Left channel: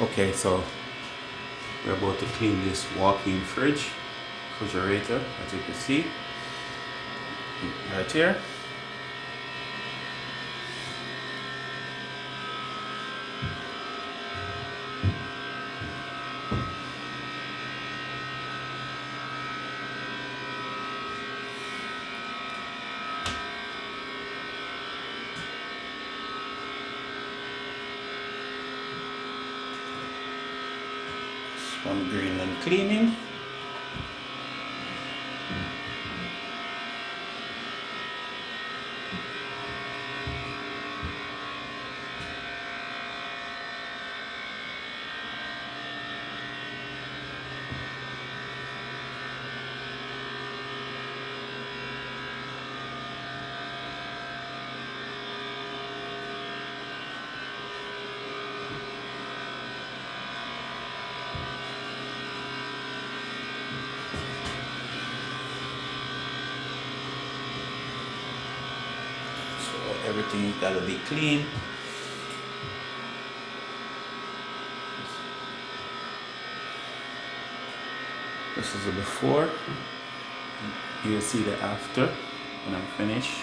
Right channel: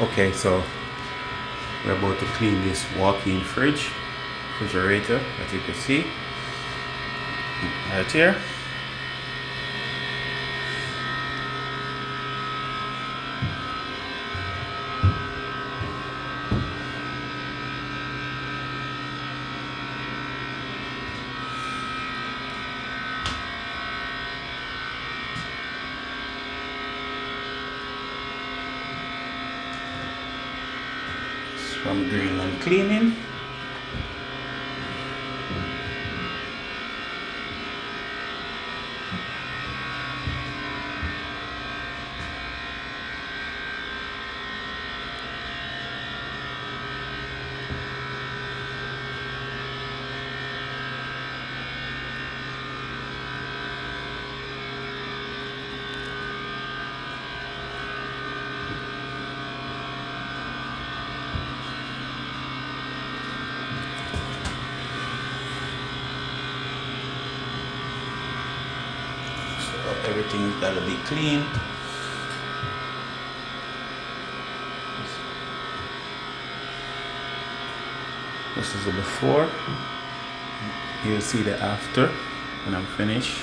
Okay, so we're about to clean this walk-in refrigerator, as you can see right here. It's from Greenland Cleaning. So everything's gotta be clean. This is the before. You'll see the after when I'm finished.